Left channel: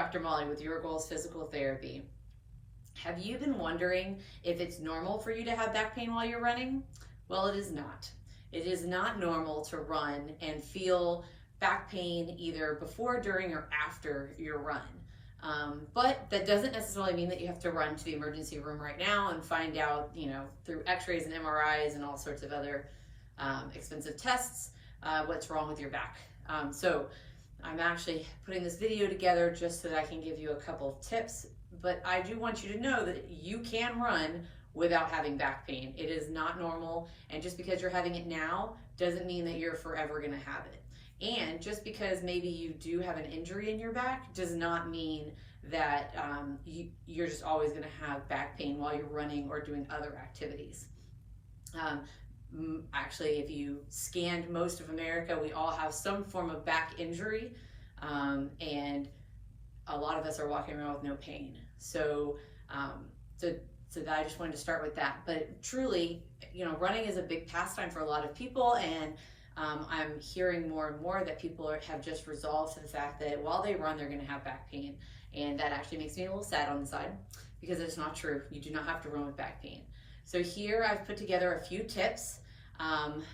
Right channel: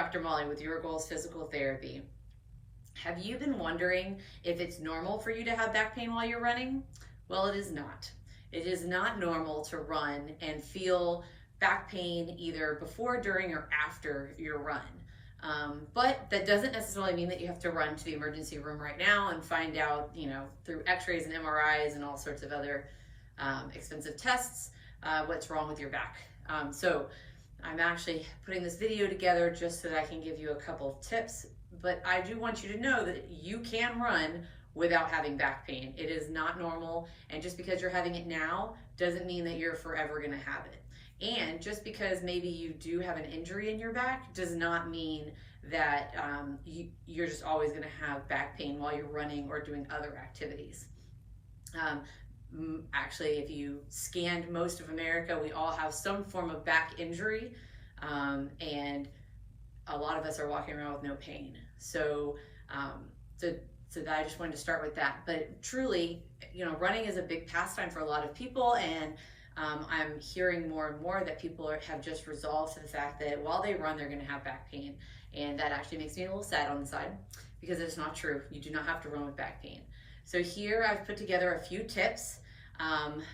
Dr. Molly with Your Goals Physical Therapy. Have you been wondering if it's normal for you to have back pain while you're running? Well, it is not. It is not normal to run and feel back pain either before, during, or after your run. But that doesn't necessarily mean that you have to run to the emergency room right now and find out, through x-rays and MRIs and all sorts of other expensive tests, what's wrong with your back. So I'm actually putting this video together just so that I can give you a couple of tips, but I do want you to know that you can run without having back pain. It is not normal, and just because you're having it now doesn't mean that you're forever gonna have it. And just because maybe you do have an injury in your back does not mean that you're just always gonna have back pain while you're running or doing other activities. Actually, if you scanned most of America, we all have some form of back injury, and a lot of us are walking around with no pain. So that I just wanted to start with that. But truly, running is a big pastime for a lot of people, and I'm hearing more and more that people have just resolved to the fact that while they run, they're going to have back pain, and that actually makes me a little sad on the side because it's not true. You do not have to run with back pain. So here I've put together a few tips,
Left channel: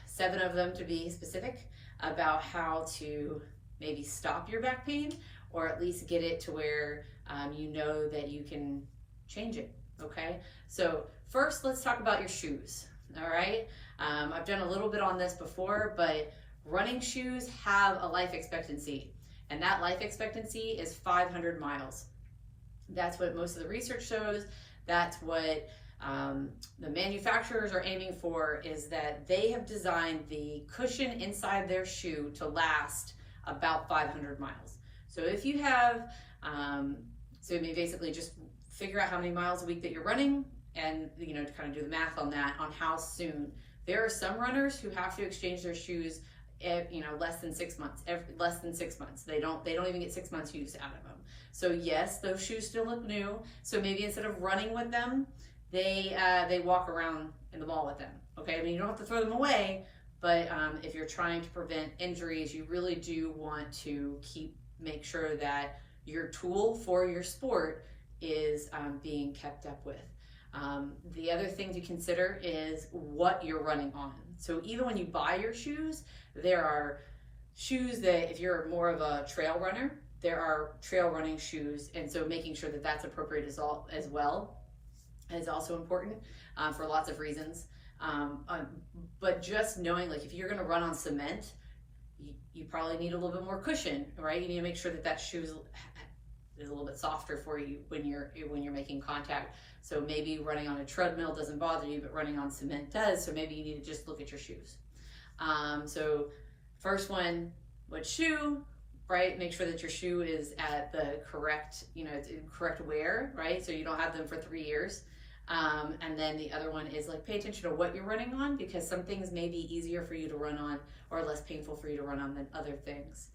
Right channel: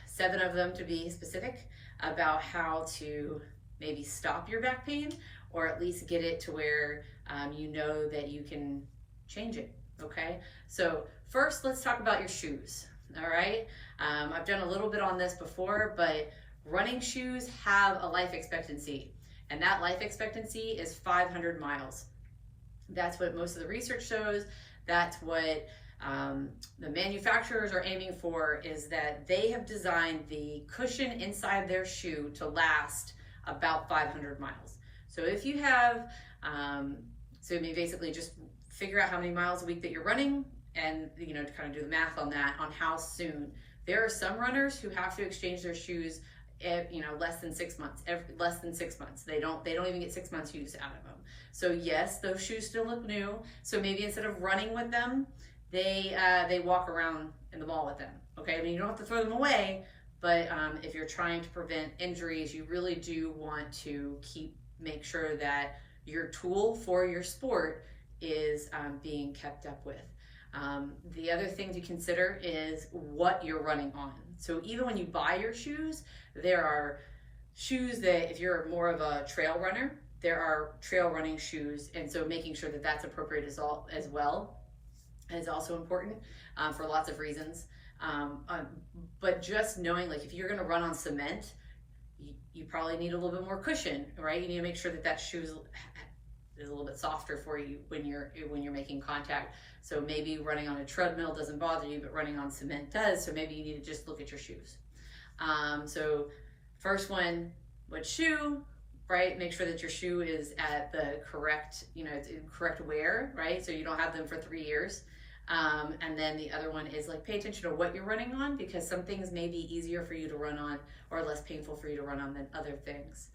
7 of them to be specific, about how to maybe stop your back pain or at least get it to where you know that you can change it, okay? So first, let's talk about your shoes, all right? I've done a little bit on this before, but running shoes have a life expectancy, and that life expectancy is 500 miles. That's what most of the research shows. That's what the manufacturers are aiming for, is that they have designed the cushion inside their shoe to last about 500 miles. So if you have, basically just figure out how many miles a week that you're running, and to kind of do the math on that, on how soon. There are some runners who have to exchange their shoes less than 6 months. Less than 6 months. They don't even get 6 months use out of them. So yes, those shoes still look new. So maybe instead of running with them, they walk around in the mall with them. Okay, I mean, you don't have to throw them away, but if you're trying to prevent injuries, you really do want to make sure that your tool for your sport is being kept up with. The other thing to consider is what you're running on. So even when you buy your shoes, there are shoes that, if you're more of a trail runner, there are trail running shoes, and so making sure that that's appropriate as well is also important for lots of reasons. But just knowing, like, if you're going to run on cement, you probably need a little bit more cushion, right? You need to make sure that that shoe is a little bit softer for you when you're making contact. So maybe running on a treadmill doesn't bother you, but running on cement does. So maybe you need to just look at your shoes. So first one, what shoe, right? Make sure that your shoe is at the correct, correct wear, right? So you don't have them for 3 years. And then the other one is, like, pay attention to what you're running on, because some things may be easier for you to run on or less painful for you to run on than other things.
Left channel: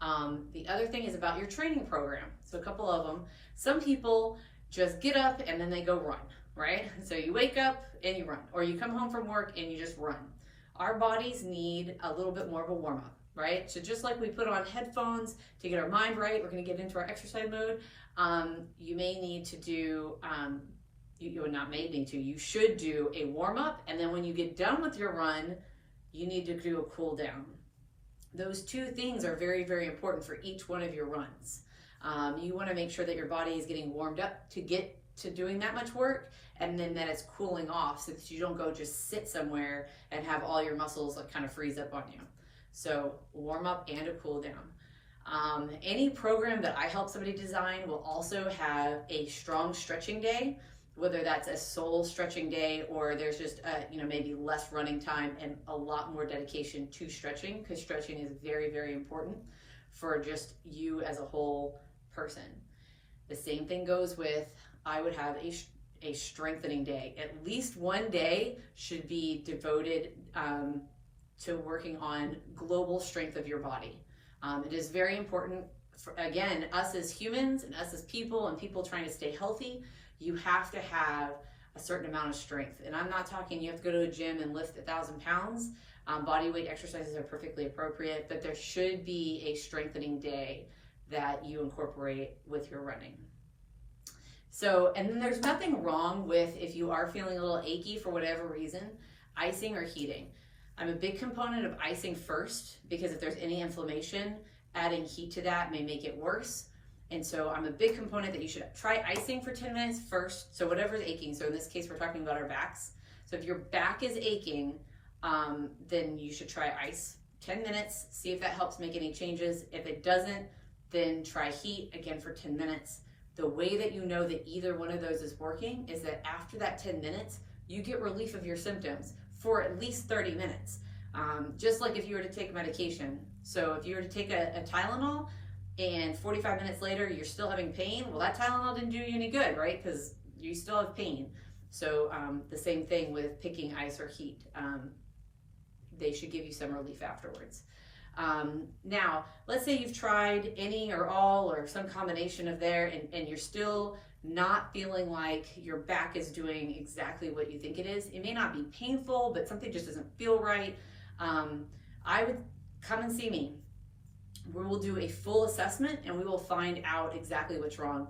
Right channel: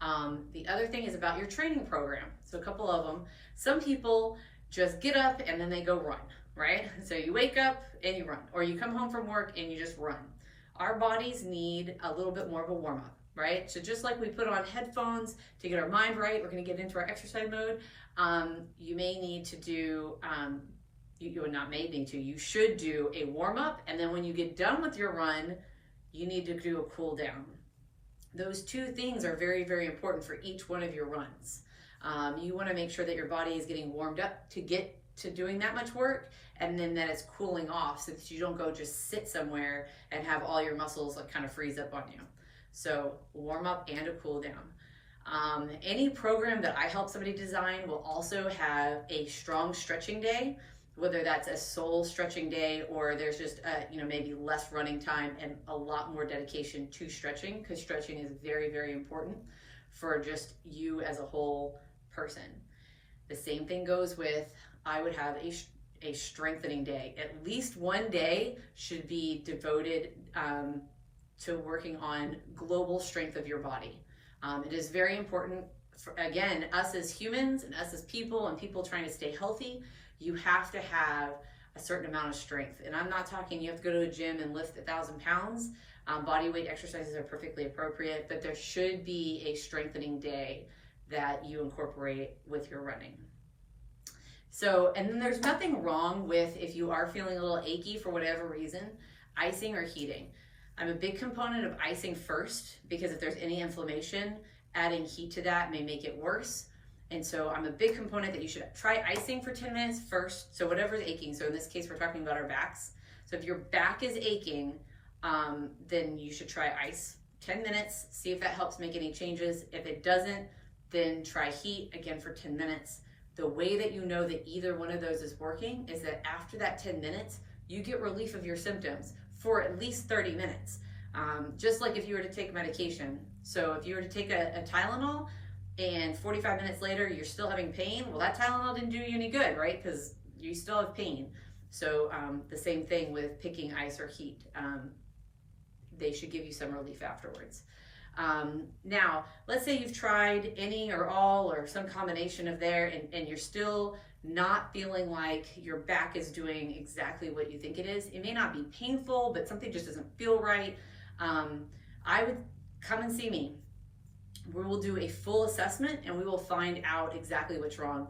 The other thing is about your training program. So a couple of them. Some people just get up and then they go run, right? So you wake up and you run, or you come home from work and you just run. Our bodies need a little bit more of a warm-up, right? So just like we put on headphones to get our mind right, we're going to get into our exercise mode. You may need to do, you should do a warm-up, and then when you get done with your run, you need to do a cool down. Those two things are very, very important for each one of your runs. You want to make sure that your body is getting warmed up to get to doing that much work, and then that it's cooling off so that you don't go just sit somewhere and have all your muscles kind of freeze up on you. So warm up and a cool down. Any program that I help somebody design will also have a strong stretching day, whether that's a sole stretching day or there's just maybe less running time and a lot more dedication to stretching, because stretching is very, very important for just you as a whole person. The same thing goes with, I would have a strengthening day. At least one day should be devoted to working on global strength of your body. It is very important for, again, us as humans and us as people and people trying to stay healthy, you have to have a certain amount of strength. And I'm not talking you have to go to the gym and lift 1,000 pounds. Body weight exercises are perfectly appropriate, but there should be a strengthening day that you incorporate with your running. So, and then there's nothing wrong with, if you are feeling a little achy for whatever reason, icing or heating. I'm a big component of icing first, because if there's any inflammation, adding heat to that may make it worse. And so I'm a big component that you should try icing for 10 minutes first. So whatever's aching, so in this case, we're talking about our backs. So if your back is aching, then you should try ice 10 minutes, see if that helps make any changes. If it doesn't, then try heat again for 10 minutes. The way that you know that either one of those is working is that after that 10 minutes, you get relief of your symptoms for at least 30 minutes. Just like if you were to take medication. So if you were to take a Tylenol and 45 minutes later you're still having pain, well, that Tylenol didn't do you any good, right? Because you still have pain. So the same thing with picking ice or heat. They should give you some relief afterwards. Now, let's say you've tried any or all or some combination of there, and you're still not feeling like your back is doing exactly what you think it is. It may not be painful, but something just doesn't feel right. I would come and see me. We will do a full assessment and we will find out exactly what's wrong.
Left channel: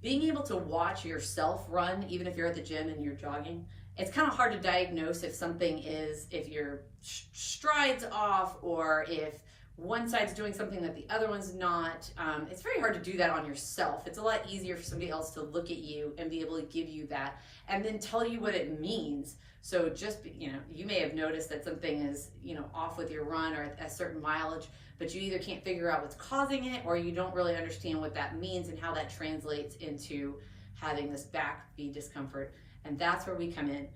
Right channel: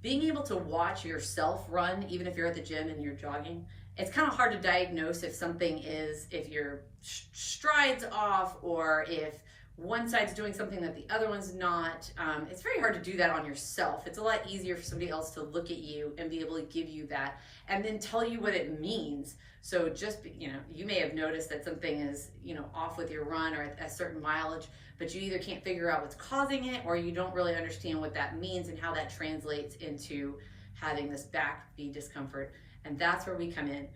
Being able to watch yourself run, even if you're at the gym and you're jogging, it's kind of hard to diagnose if something is, if your stride's off or if one side's doing something that the other one's not. It's very hard to do that on yourself. It's a lot easier for somebody else to look at you and be able to give you that and then tell you what it means. So just, you may have noticed that something is, off with your run or a certain mileage, but you either can't figure out what's causing it or you don't really understand what that means and how that translates into having this back knee discomfort. And that's where we come in.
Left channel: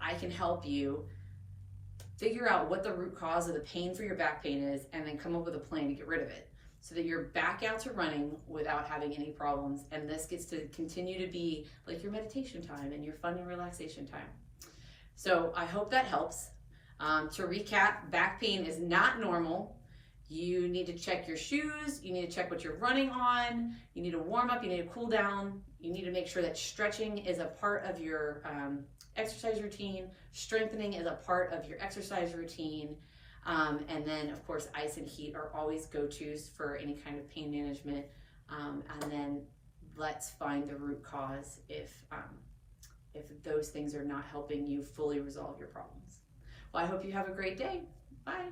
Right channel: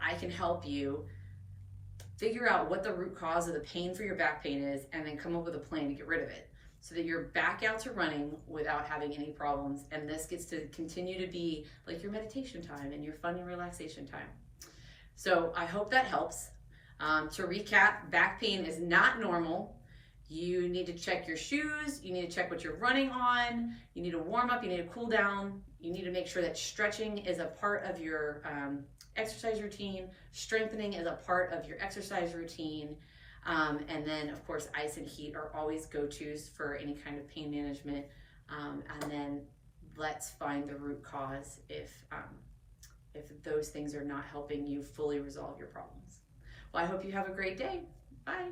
I can help you figure out what the root cause of the pain for your back pain is and then come up with a plan to get rid of it so that you're back out to running without having any problems. And this gets to continue to be like your meditation time and your fun and relaxation time. So I hope that helps. To recap, back pain is not normal. You need to check your shoes. You need to check what you're running on. You need to warm up. You need to cool down. You need to make sure that stretching is a part of your exercise routine. Strengthening is a part of your exercise routine. And then, of course, ice and heat are always go-tos for any kind of pain management. And then let's find the root cause if those things are not helping you fully resolve your problems. Well, I hope you have a great day. Bye.